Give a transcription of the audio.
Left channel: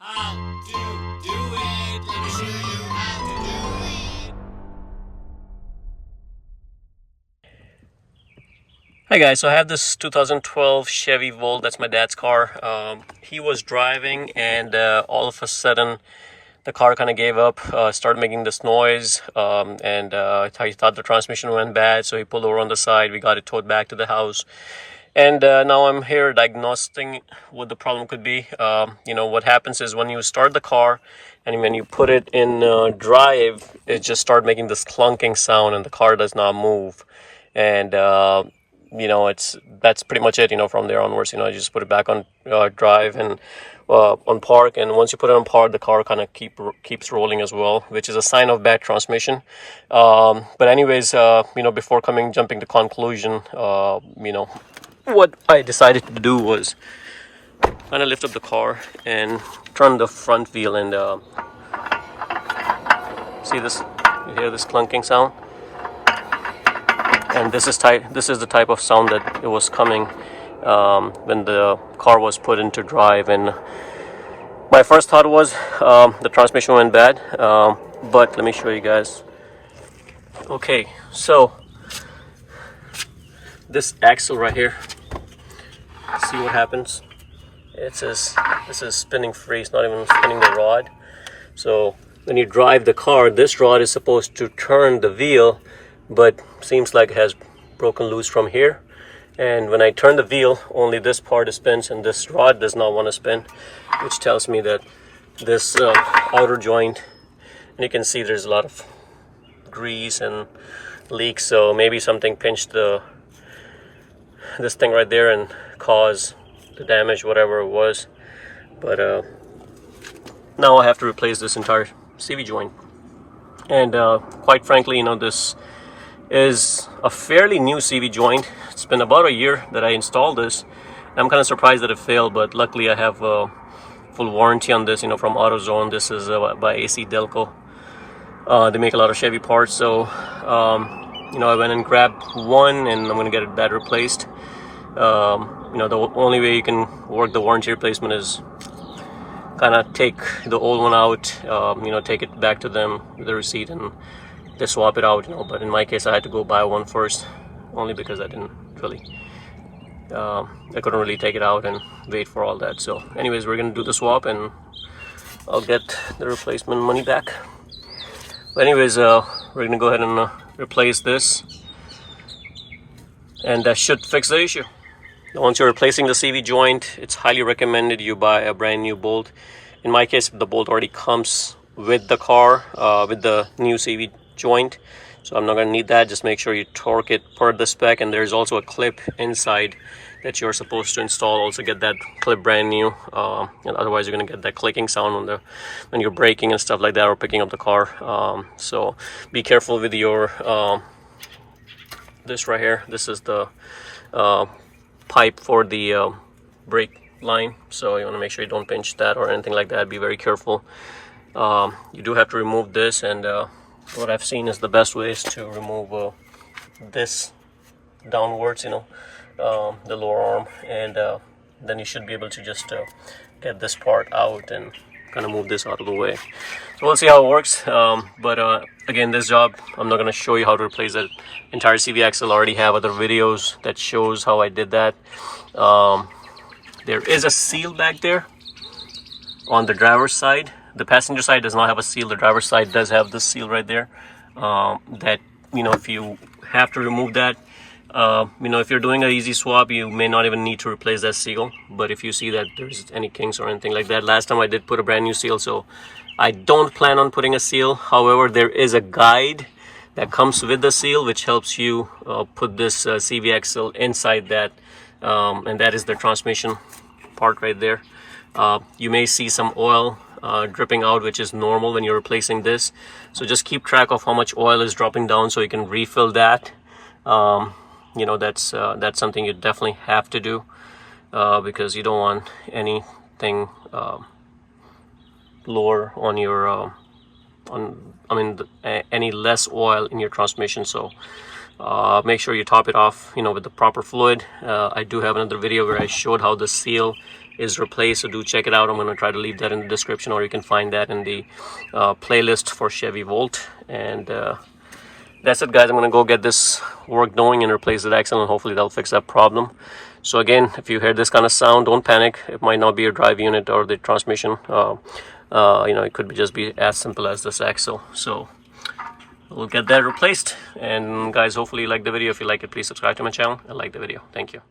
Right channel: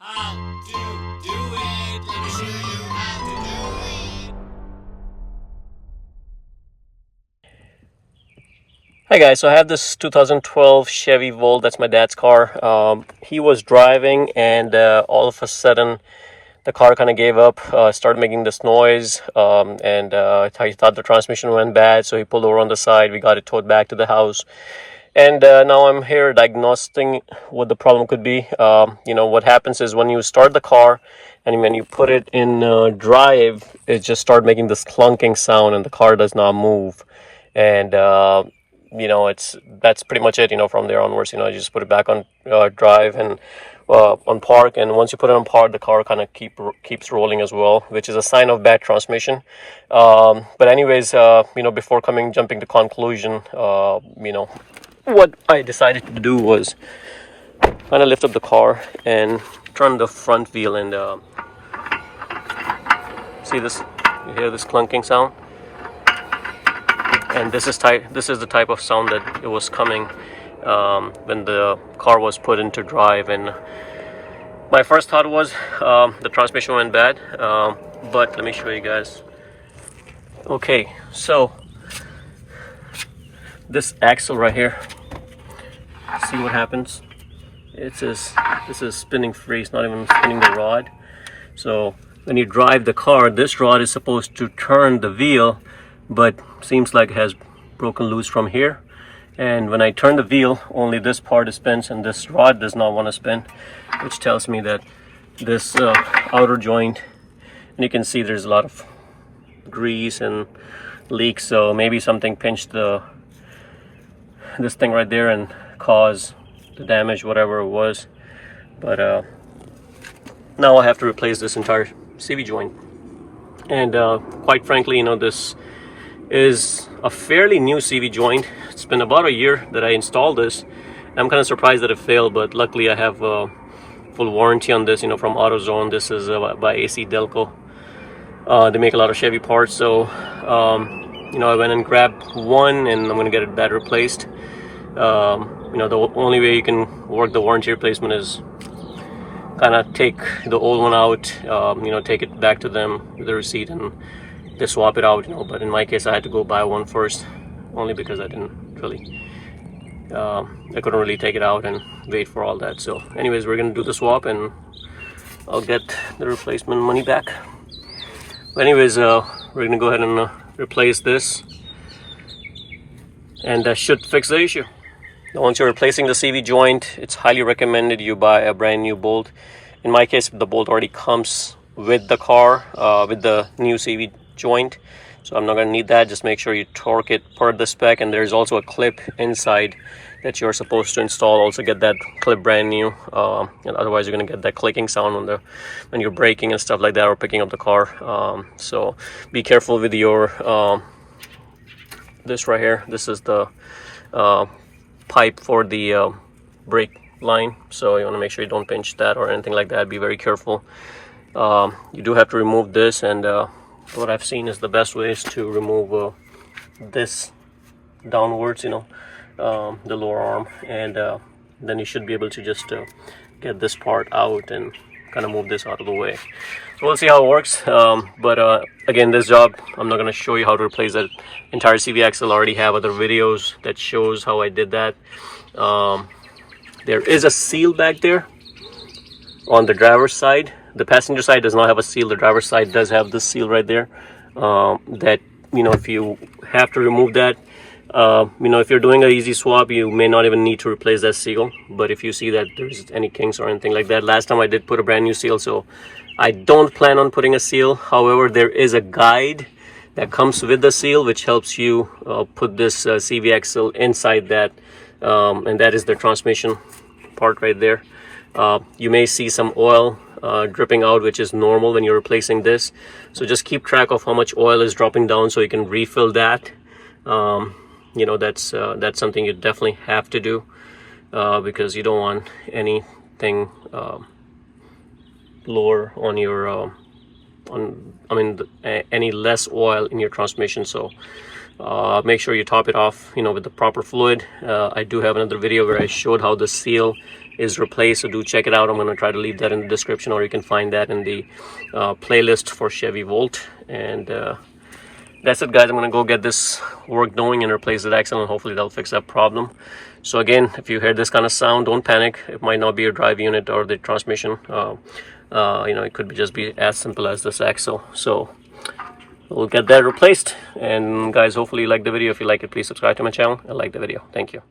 How to do it. Let me show you how to do it. Hi guys, so I have this 2012 Chevy Volt. That's my dad's car. He was driving and all of a sudden the car kind of gave up, started making this noise, and he thought the transmission went bad, so he pulled over on the side. We got it towed back to the house. And now I'm here diagnosing what the problem could be. What happens is when you start the car and when you put it in drive, it just starts making this clunking sound and the car does not move. And that's pretty much it. From there onwards, you just put it back on drive and on park. And once you put it on park, the car kind of keeps rolling as well, which is a sign of bad transmission. But anyways, before jumping to conclusion, what I decided to do was kind of lift up the car and turn the front wheel and see this. You hear this clunking sound, and this is the type of sound that it was coming when the car was put into drive. And my first thought was the transmission went bad, but let me show you guys. Okay, so this axle right here, see what happens. This is spinning free. It's not even spinning the rod. So when you drive the car, this rod is supposed to turn the wheel, but seems like it has broken loose from here. And when I turn the wheel, only this part spins and this rod does not want to spin, which tells me that this outer joint, and you can see there's a lot of grease and leaks, so maybe something pinched this thing right there and caused the damage, whatever it was. But now I have to replace this entire CV joint. And quite frankly, this is a fairly new CV joint. It's been about a year that I installed this. I'm kind of surprised that it failed, but luckily I have full warranty on this, from HowtoDoit. This is by AC Delco. They make a lot of Chevy parts, so I went and grabbed one, and I'm going to get that replaced. The only way you can work the warranty replacement is kind of take the old one out, take it back to them with the receipt, and they swap it out, But in my case, I had to go buy one first, only because I couldn't really take it out and wait for all that. So anyways, we're going to do the swap and I'll get the replacement money back. But anyways, we're going to go ahead and replace this, and that should fix the issue. Once you're replacing the CV joint, it's highly recommended you buy a brand new bolt. In my case, the bolt already comes with the car, with the new CV joint, so I'm not going to need that. Just make sure you torque it per the spec, and there's also a clip inside that you're supposed to install. Also get that clip brand new, and otherwise you're going to get that clicking sound when you're braking and stuff like that, or picking up the car. So be careful with your this right here. This is the pipe for the brake line, so you want to make sure you don't pinch that or anything like that. Be very careful. You do have to remove this, and what I've seen is the best way is to remove this downwards, the lower arm, and then you should be able to just get this part out and kind of move this out of the way. So we'll see how it works. But again, this job, I'm not going to show you how to replace that entire CV axle. I already have other videos that shows how I did that. There is a seal back there on the driver's side. The passenger side does not have a seal. The driver's side does have this seal right there. That, if you have to remove that, if you're doing an easy swap, you may not even need to replace that seal. But if you see that there's any kinks or anything like that, last time I did put a brand new seal, so I don't plan on putting a seal. However, there is a guide that comes with the seal, which helps you put this CV axle inside that, and that is the transmission part right there. You may see some oil dripping out, which is normal when you're replacing this. So just keep track of how much oil is dropping down so you can refill that. That's something you definitely have to do, because you don't want anything lower on your any less oil in your transmission. So make sure you top it off with the proper fluid. I do have another video where I showed how the seal is replaced. So do check it out. I'm going to try to leave that in the description, or you can find that in the playlist for Chevy Volt. And that's it, guys. I'm going to go get this work going and replace the axle, and hopefully that'll fix that problem. So again, if you hear this kind of sound, don't panic. It might not be a drive unit or the transmission. It could just be as simple as this axle. So we'll get that replaced. And guys, hopefully you like the video. If you like it, please subscribe to my channel and like the video. Thank you.